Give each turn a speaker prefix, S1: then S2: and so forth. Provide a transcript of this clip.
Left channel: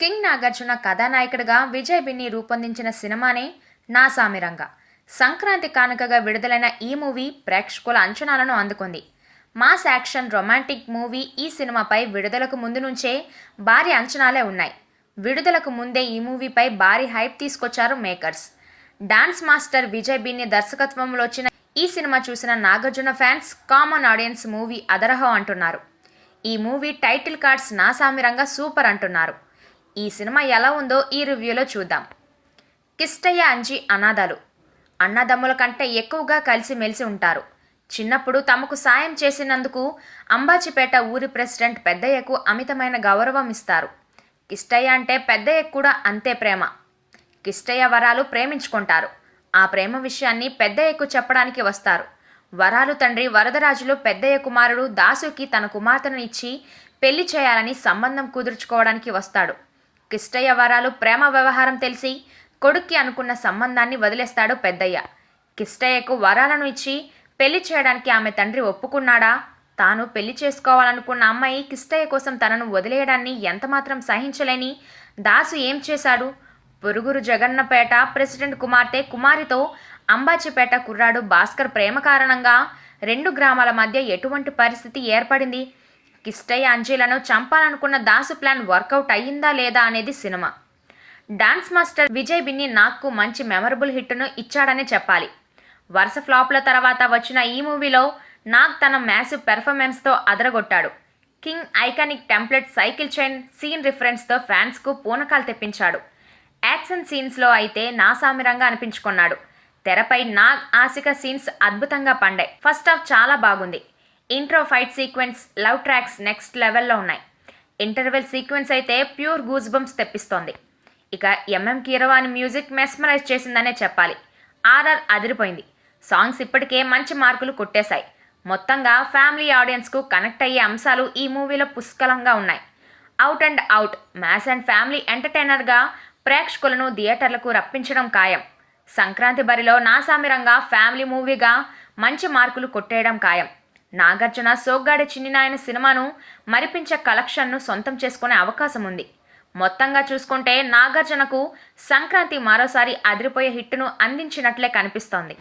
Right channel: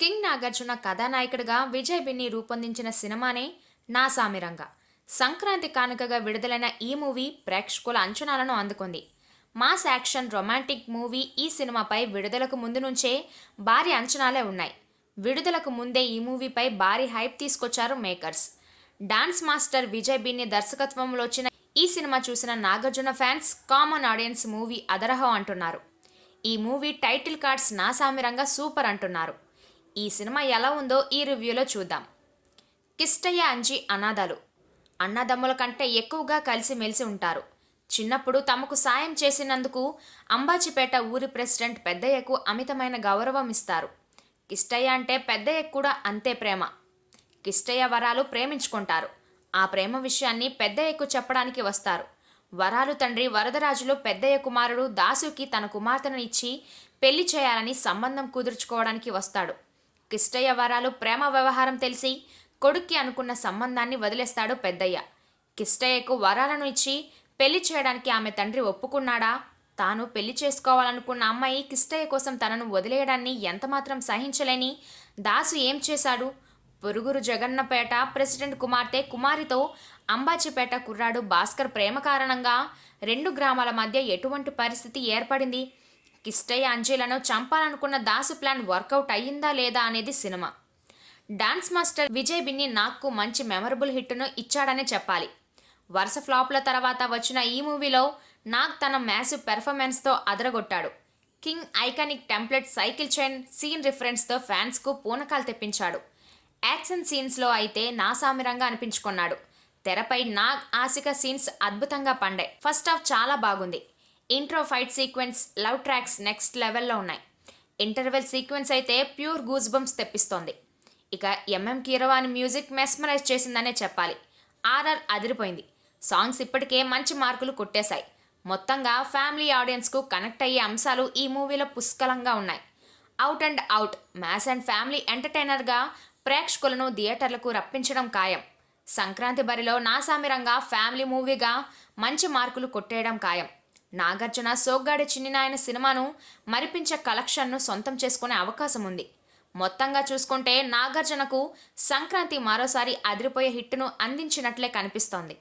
S1: King Nagarjuna కథానాయకుడిగా విజయ్ బిన్ని రూపొందించిన సినిమానే నా సామిరంగ సంక్రాంతి కానుకగా విడుదలైన ఈ మూవీ ప్రేక్షకుల అంచనాలను అందుకుంది. మాస్ యాక్షన్ రొమాంటిక్ మూవీ ఈ సినిమాపై విడుదలకు ముందు నుంచే భారీ అంచనాలే ఉన్నాయి. విడుదలకు ముందే ఈ మూవీపై భారీ హైప్ తీసుకొచ్చారు makers. Dance master Vijay Binni దర్శకత్వంలో వచ్చిన ఈ సినిమా చూసిన Nagarjuna fans common audience movie అదరహో అంటున్నారు. ఈ మూవీ టైటిల్ కార్డ్స్ నా సామిరంగా సూపర్ అంటున్నారు. ఈ సినిమా ఎలా ఉందో ఈ రివ్యూలో చూద్దాం. కిష్టయ్య అంజీ అనాథాలు. అన్నదమ్ముల కంటే ఎక్కువగా కలిసిమెలిసి ఉంటారు. చిన్నప్పుడు తమకు సాయం చేసినందుకు అంబాజీపేట ఊరి ప్రెసిడెంట్ పెద్దయ్యకు అమితమైన గౌరవం ఇస్తారు. కిష్టయ్య అంటే పెద్దయ్యకు కూడా అంతే ప్రేమ. కిష్టయ్య వరాలు ప్రేమించుకుంటారు. ఆ ప్రేమ విషయాన్ని పెద్దయ్యకు చెప్పడానికి వస్తారు. వరాలు తండ్రి వరదరాజులు పెద్దయ్య కుమారుడు దాసుకి తన కుమార్తెను ఇచ్చి పెళ్ళి చేయాలని సంబంధం కుదుర్చుకోవడానికి వస్తాడు. కిష్టయ్య వరాలు ప్రేమ వ్యవహారం తెలిసి కొడుక్కి అనుకున్న సంబంధాన్ని వదిలేస్తాడు పెద్దయ్య. కిష్టయ్యకు వరాలను ఇచ్చి పెళ్ళి చేయడానికి ఆమె తండ్రి ఒప్పుకున్నాడా? తాను పెళ్ళి చేసుకోవాలనుకున్న అమ్మాయి కిష్టయ్య కోసం తనను వదిలేయడాన్ని ఎంతమాత్రం సహించలేని దాసు ఏం చేశాడు? పొరుగురు జగన్నపేట ప్రెసిడెంట్ కుమార్తె కుమారితో అంబాజీపేట కుర్రాడు భాస్కర్ ప్రేమ కారణంగా రెండు గ్రామాల మధ్య ఎటువంటి పరిస్థితి ఏర్పడింది? కిష్టయ్య అంజీలను చంపాలనుకున్న దాసు ప్లాన్ వర్కౌట్ అయ్యిందా లేదా అనేది సినిమా. డాన్స్ మాస్టర్ విజయ్ బిన్ని నాగ్కు మంచి మెమరబుల్ హిట్ను ఇచ్చాడనే చెప్పాలి. వరుస ఫ్లాప్ల తర్వాత వచ్చిన ఈ మూవీలో నాగ్ తన మ్యాసివ్ పెర్ఫార్మెన్స్తో అదరగొట్టాడు. King iconic template cycle chain scene రిఫరెన్స్తో ఫ్యాన్స్కు పూనకాలు తెప్పించాడు. యాక్షన్ సీన్స్లో అయితే నా సామిరంగా అనిపించుకున్నాడు. తెరపై నాగ్ ఆసిక సీన్స్ అద్భుతంగా పండాయి. ఫస్ట్ హాఫ్ చాలా బాగుంది. Intro fight sequence love tracks next లెవెల్లో ఉన్నాయి. ఇంటర్వెల్ సీక్వెన్స్ అయితే ప్యూర్ గూజ్ బంప్స్ తెప్పిస్తోంది. ఇక ఎంఎం కీరవాణి మ్యూజిక్ మెస్మరైజ్ చేసిందనే చెప్పాలి. ఆర్ఆర్ అదిరిపోయింది. సాంగ్స్ ఇప్పటికే మంచి మార్కులు కొట్టేశాయి. మొత్తంగా ఫ్యామిలీ ఆడియన్స్కు కనెక్ట్ అయ్యే అంశాలు ఈ మూవీలో పుష్కలంగా ఉన్నాయి. Out and out mass and family ఎంటర్టైనర్గా ప్రేక్షకులను థియేటర్లకు రప్పించడం ఖాయం. సంక్రాంతి బరిలో నాసామిరంగా ఫ్యామిలీ మూవీగా మంచి మార్కులు కొట్టేయడం ఖాయం. నాగార్జున సోగ్గాడి చిన్నినాయన సినిమాను మరిపించే కలెక్షన్ను సొంతం చేసుకునే అవకాశం ఉంది. మొత్తంగా చూసుకుంటే నాగార్జునకు సంక్రాంతి మరోసారి అదిరిపోయే హిట్ను అందించినట్లే కనిపిస్తోంది.